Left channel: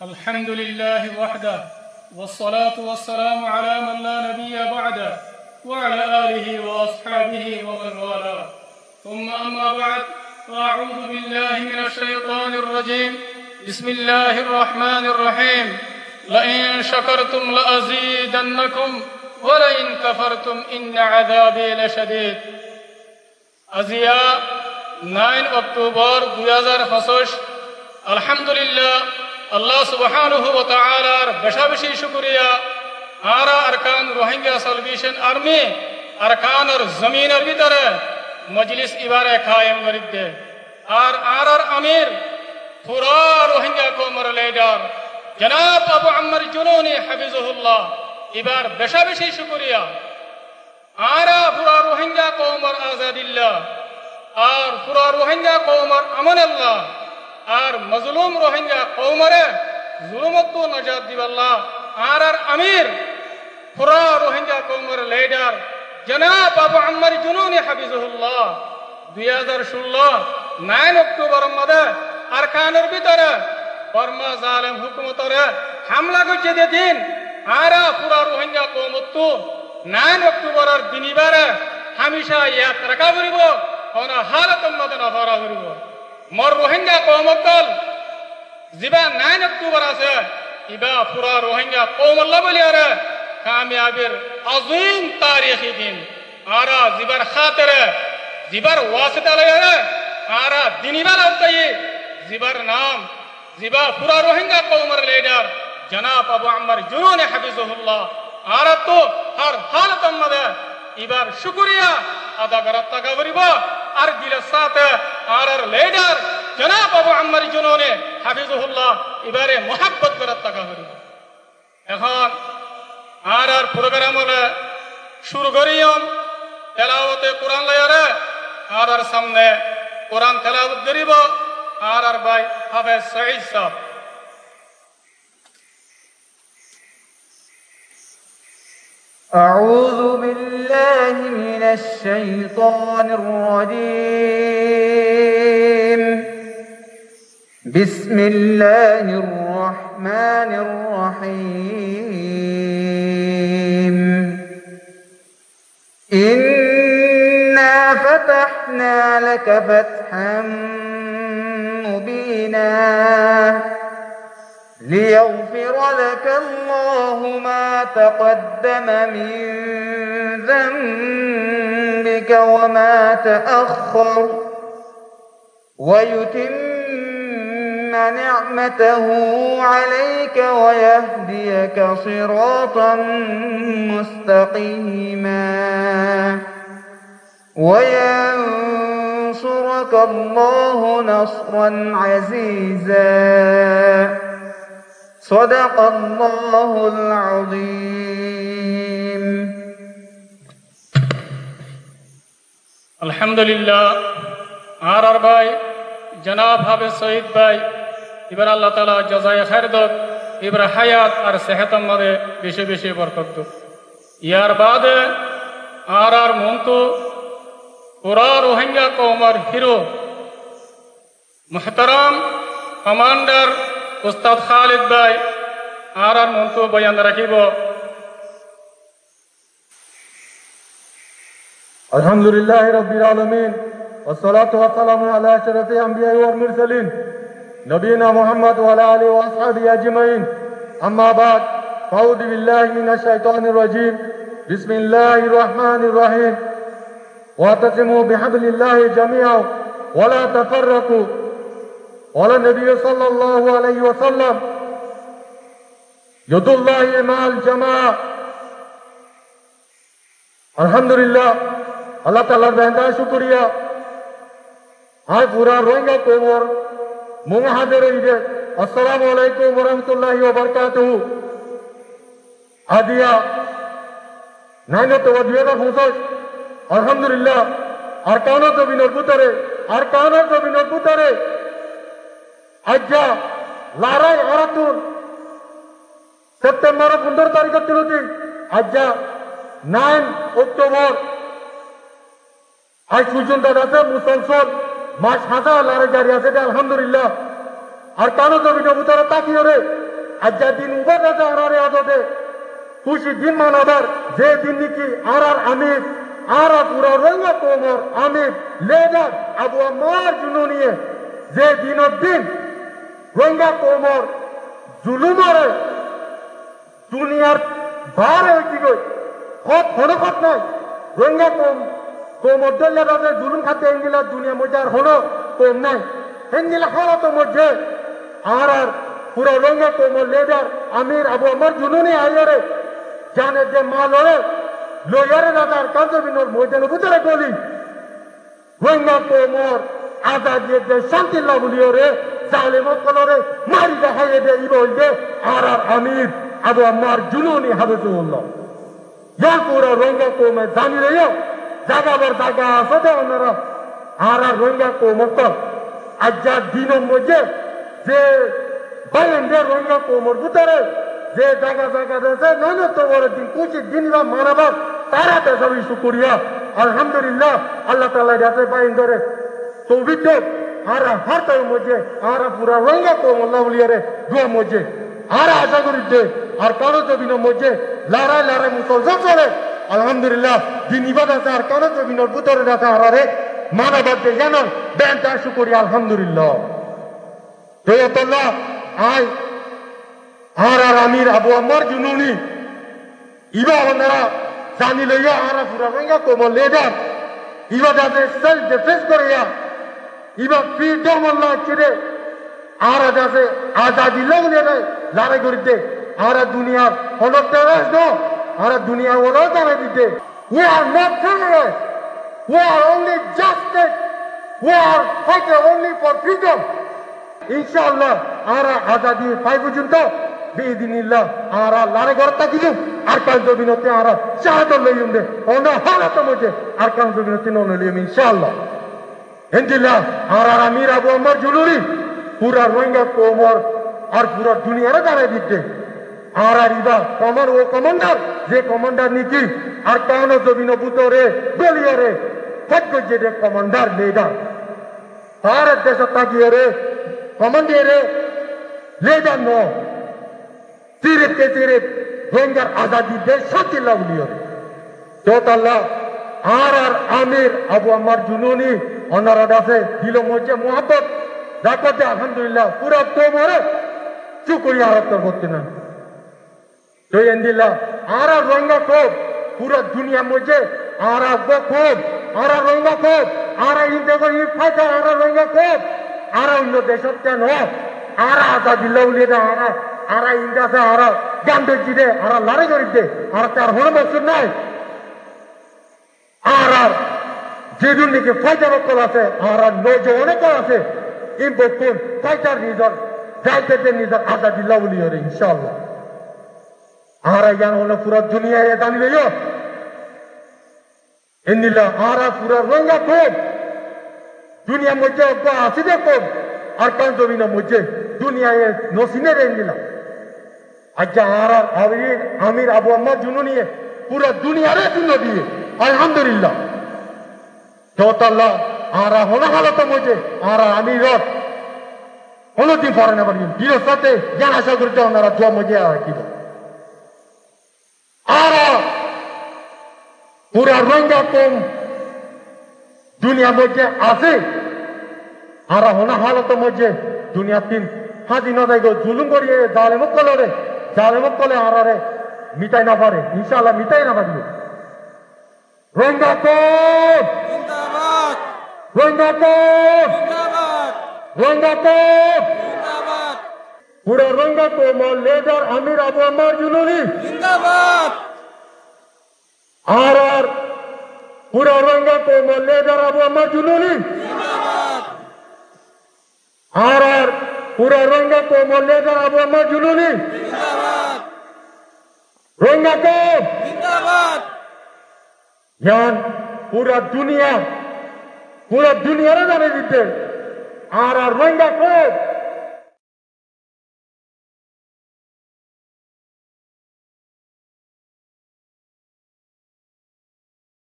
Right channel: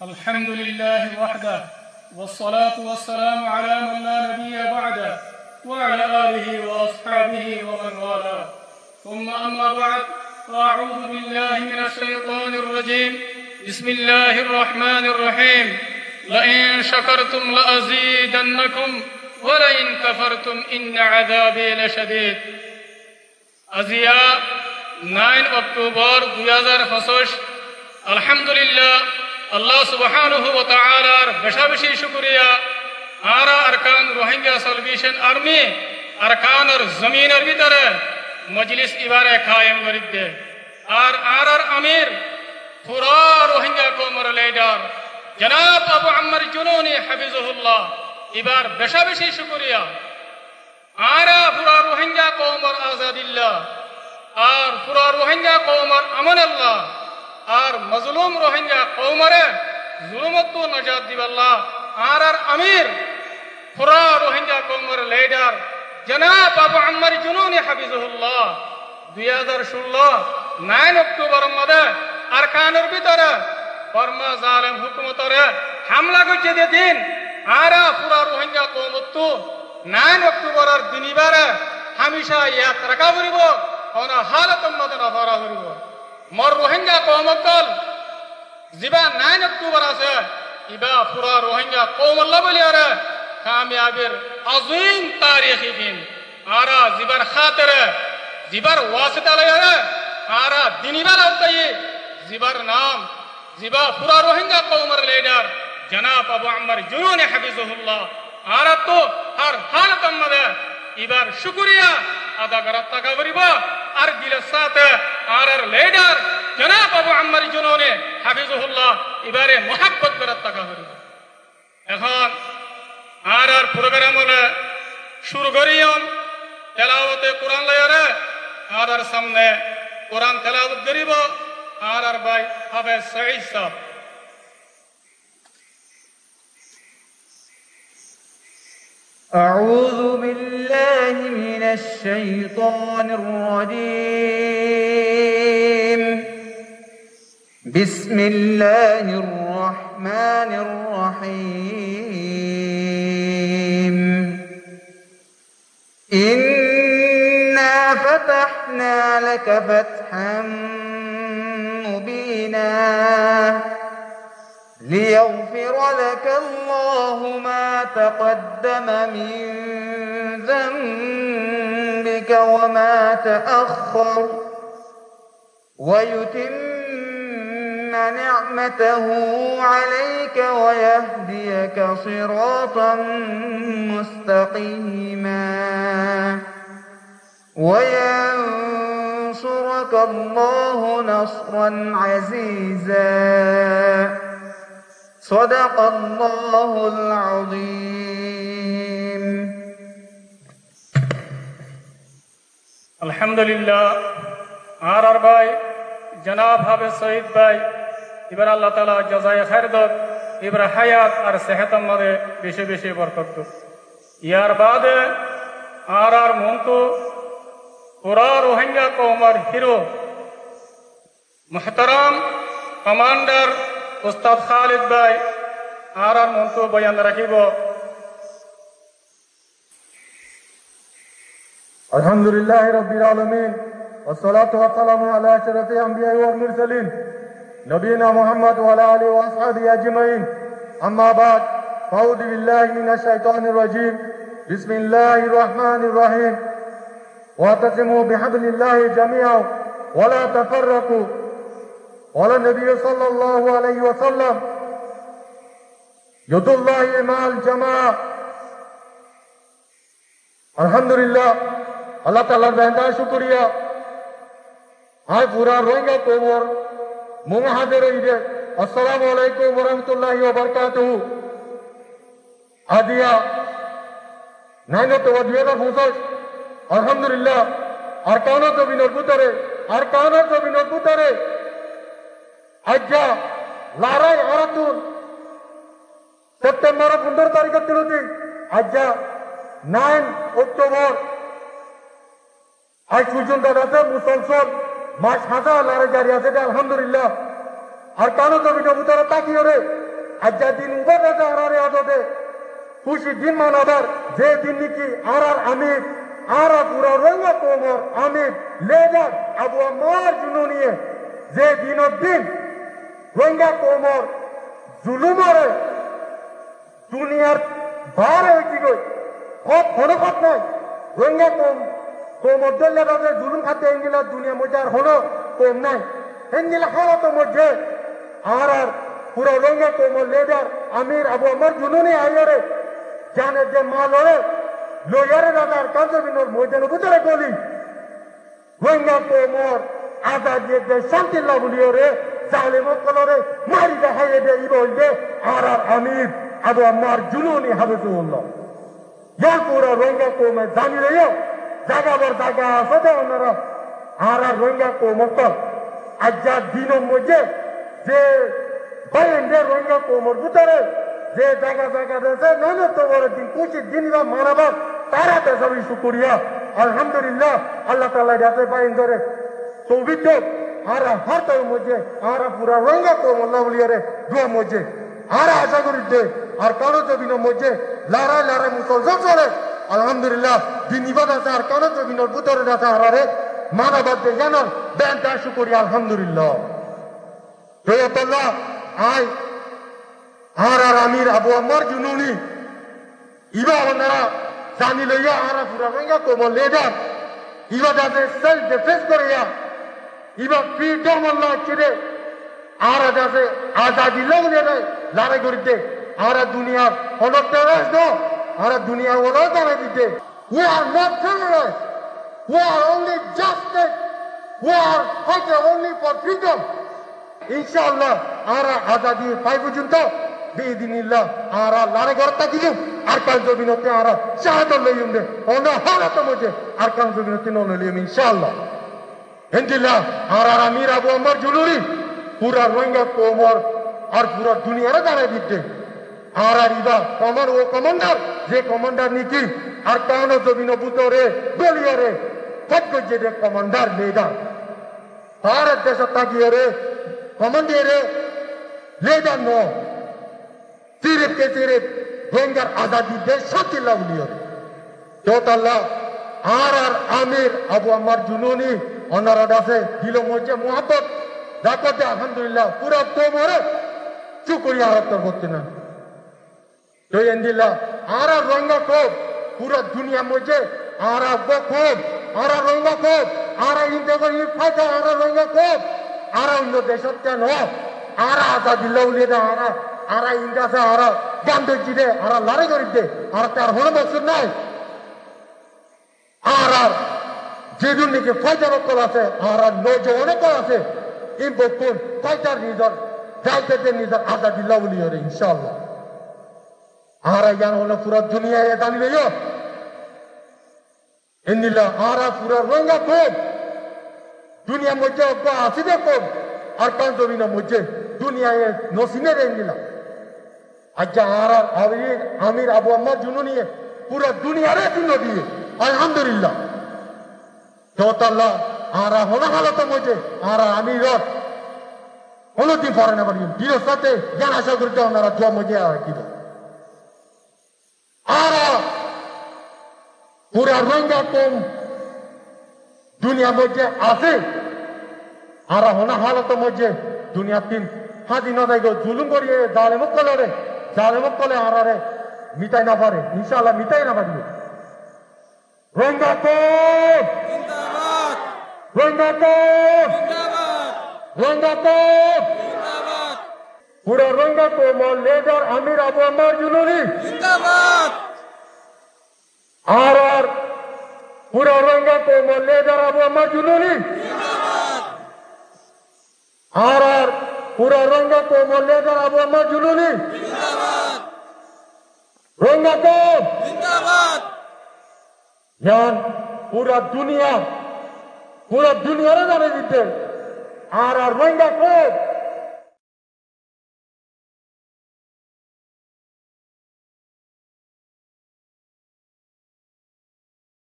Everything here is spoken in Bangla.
الحمد لله وحده والصلاة والسلام على من لا نبي بعده وعلى آله وأصحابه ومن والاه ثم أما بعد فأعوذ بالله من الشيطان الرجيم بسم الله الرحمن الرحيم لئن شكرتم لأزيدنكم ولئن كفرتم إن عذابي لشديد আজিয়া 9 অক্টোবর 2025 আলহামদুলিল্লাহ আল্লাহ সুবহানাহু ওয়া তাআলার বেশি শুকরিয়া আরা আরকান রোহিঙ্গা সালভেশন আর্মি আরকানের জমিনের ভিতরে মজলিস ইবারে কায়েম করিতে আর আরার আমির পুরা রোহিঙ্গা কওমের লিডার জনাব আবু আম্মার জুনুনি হাফিজাহুল্লাহ এবার বেশি শুকরিয়া আরা পুরা রোহিঙ্গা কওমের আজাদিল্লাহ আর পুরা রোহিঙ্গা কওমের আমান আল্লাহ আর মজলুম রোহিঙ্গা কওমরে জুলুমত নাজাত দিবাল্লাহ আর আমির পুরা রোহিঙ্গা কওমের লিডার জনাব আবু আম্মার জুনুনি হাফিজাহুল্লাহ 2016 9 অক্টোবর মধ্যে আরকানের ভিতরে বর্মা জালেম হুকুমতরে হামলা করছে দিন আরা পুরা রোহিঙ্গা কওমত 9 অক্টোবরের দিনিবারে হামেশা ইয়াদ রাখা করিব কোন হালতের মধ্যে নফরা করিব মর রোহিঙ্গা কওমকল জিবা 9 অক্টোবর আছে ইবা পুরা রোহিঙ্গা কওমল্লা বলিয়ারে কামিয়াবির আযীম তারিখী দিন আরা জিবার খাতিরে জিবার ওয়াসিতা লয়ারে আরা দিনিবার আওতায়ে জিবার নাম জিবা পুরা রোহিঙ্গা কওমের লিডার জনাব আবু আম্মার জুনুনি হাফিজাহুল্লাহ আরা তো হর হালতের মধ্যে এবার শুকরিয়া আদা করার টাকা করিব আর দিলের সাথে আর লিডার জনাব আবু আম্মার জুনুনি হাফিজাহুল্লাহ এবারে মোহাব্বত করার টাকা করিব এখন আর প্রোগ্রাম হলে শুরু করিয়ম তেলাওয়াতে কোরআন লয়ারে আর সামনে কোরআন তেলাওয়াত করিব আর ভাই হাফেজ সঈদ সাহেব أعوذ بالله من الشيطان الرجيم بسم الله الرحمن الرحيم إنا فتحنا لك فتحا مبينا ليغفر لك الله ما تقدم من ذنبك وما تأخر ويتم نعمته عليك ويهديك صراطا مستقيما وينصرك الله نصرا عزيزا صدق الله العظيم আলহামদুলিল্লাহ আর ভাই জনাব হাফেজ সঈদ ভাই এবার আল্লাহ তাআলা জাযায়ে খায়ের দাও এবার হায়াত আর সেহতের মধ্যে বেশি বরকত দাও ইয়ার বাদে আর মন্তু পুরা রোহিঙ্গা কওমের হিরো মুহতারাম কমান্ডার উস্তাদ খালিদ ভাই আর মন্তু বয়ান রাখিব আলহামদুলিল্লাহ রাব্বিল আলামিন والصلاه والسلام على اشرف الانبياء والمرسلين نبينا محمد وعلى اله واصحابه اجمعين اما بعد فاعوذ بالله من الشيطان الرجيم بسم الله الرحمن الرحيم واعتصموا بحبل الله جميعا ولا تفرقوا قال النبي صلى الله عليه وسلم يد الله مع الجماعة الحمد لله اللہ تعالیٰ بہندہ شکریہ آج پورا روئنگا کومر ممحاضر عید السلام علیکم ورحمۃ اللہ وبرکاتہ آدیا نائنو توجیہ کا پھوسک الحمدللہ ارکانوں کو بھی نربوترے আজ্ঞা লারাই আরাতুন সেপ্টেম্বর 15 তারিখে তিলতি আজ্ঞা 9 অক্টোবর আজ পর্যন্ত আছে মুসলসল মাস হাজার লড়াই জারি আছে আলহামদুলিল্লাহ আর কারো জমিনের ভিতরে তাকিয়ে রে আজ্জা দিন উবার রাজা আরারে আদতে খুশি দিন মানাবার যে দিন নাকি আরার আমির আরা পুরা রঙ্গা কোমর আমির লেডার আবু আম্মার জুনুনিয়ে যে দিনের দিন রঙ্গা কোমর জুলুমারে দুনিয়ার ভার হইতি গই খত হনখত নাই রঙ্গা কোমর দল্লা রাজা জুলুম খাতে এঙ্গিলা দুনিয়া মধ্যে আর হলো কম নাই হেঙ্গিলা হালত মধ্যে আর পুরা রঙ্গা কোমর লেডার আমির আবু আম্মার জুনুনি আইয়ারে জানে যে মা লড়ে লইয়ারে রাজার কাঞ্চবিনোর ময়দানে ভিতরে গলি রঙ্গা কোমর আজাদিয়ে দে শান্তি লাগুলিও রে জালেমত কলরে মারি দেখাইয়ে দে ইবল দে আর আমির আবু আম্মার জুনুনি হাবিবুল্লাহ ইয়ার পুরা রঙ্গা কোমে জানি রে জাগাবার জায়গা আছে দে ওনারা আর রঙ্গা কোমক আজ্জা দিনের মধ্যে যে বাইরে রঙ্গা কোমর ভিতরে যে জায়গা জায়গা রয়েছে নইলে তো বড় দিন কুচি দিন বা মানাবার তারা তো সবই শুকরিয়া আলহামদুলিল্লাহ আল্লাহ তাআলা যাতে বাইন ধরে তৌফিক দেন আর হাতের মধ্যে আর পুরা রঙ্গা কোমর লাউলিয়ারে দুয়া মধ্যে আর আশা করি দে আর কারো জমিনের মধ্যে লড়াই লড়াই মুসলমান চলে আলহামদুলিল্লাহ দিন ইবাদত আর কারো জমিনের ভিতরে আছে আরে মানাবার যে জানান দেন তার শুকরিয়া আলহামদুলিল্লাহ হে আল্লাহ আয় আর আমির আবু আম্মার জুনুনি ইবা ওনারা জানি লইয়া আর পুরা রঙ্গা কোমর লেডার ইবা যাতে সেলফ ডিফেন্স করিয়া ইবা ফ্রিডম আল্লাহ ছেড়ে আর যাতে আজাদি লাগলে লড়াই করিতে আর দুনিয়ার হলতে আর দুনিয়া ওরা জানে দিতে we are not terrorists we are only justice we are fighting only for freedom ইনশাআল্লাহ আর আজাদি পাই পর্যন্ত বিদিনিল্লাহ আর লড়াই করতে দিলু আর কাল জমিনতে আর শাহাদত লইম দে অন্য হালত মধ্যে আর কাল জমিনতে নন লইম ইনশাআল্লাহ ইনশাআল্লাহ আর আমির আবু আম্মার জুলুরি পুরা রঙ্গা কোমর আর পুরা দুনিয়ারে দাঁড়াই দিতে আর ইবা কমর ও কমান্ডার যে কমান্ডার নিকি আর কানো জমিন বুতরে দলিয়ারে কত যে কমান্ডার লেডার আর দেশ তাকিয়ে রে কমান্ডারে লেডার নো সিরিপ কে সিরিপ রঙ্গার আজাদি দেশ শান্তি লাউলিও তো আল্লাহ আর আমির আবু আম্মার জুনুনি অনারা দাসে দিল মধ্যে মোহাম্মত রাখতে আলহামদুলিল্লাহ পুরা তোমরে চুকরিয়া হত্যা করতে না তো এন্দিল্লাহ আর রঙ্গা কোপ পুরা দুনিয়া মধ্যে আর কোপ আর রঙ্গা কোপ আর ইন্ডিয়া ই ফাইটা আর রঙ্গা কোপ আর অন্য দেশত কেন আর আজাদি লাউলিয়া আর ইন্ডিয়াতে আর গান্ধীজি দে আর লড়াই করিতে আর তার হলো মকসুদ নাই আর যেদিন নাকি ফাইটার কল আছে আর নজওয়ানে কল আছে ইম্পোর্ট ফাইটার নিজের যাইতে নিজের আজাদি লাউলিয়া রে ইনশাআল্লাহ আর ইয়ান হলো পুরা দুনিয়া জানি লইও ইন্দিলা আর পুরা রঙ্গা কোপ দুনিয়া মধ্যে আছে দে কোপ আর কান জমিনের মধ্যে দুনিয়ায় নসিনে রে ইন্দিলা আচ্ছা আর আমির আবু আম্মা জুনুনিয়ে পুরা দুনিয়ারে দিন দিয়ে আলহামদুলিল্লাহ আল্লাহ আর হলো হালত মধ্যে আর আমির অন্যদিন পরে না পারি বিরোধ সাথে জ্ঞান আশা করতে ওনারা দোয়া মধ্যে কি আর পুরা রঙ্গা কম দুনিয়া মধ্যে আছে আর হনা হালত মধ্যে দুনিয়া তিন স্বাধীনতায় জুলুম করিয়ে জালেমত কলে আরে মিটাই না পারে ইনশাআল্লাহ মিটাই না পারবে রঙ্গা কম রঙ্গা কম রঙ্গা কম পুরা রঙ্গা কম লেডার আমির আবু আম্মার জুলুরি আর পুরা রঙ্গা কম লেডার আবু আম্মার জুলুরি আর পুরা রঙ্গা কম লেডার আবু আম্মার জুলুরি রঙ্গা কম জান পুরা দুনিয়ারে জানে দিতে আর রঙ্গা কম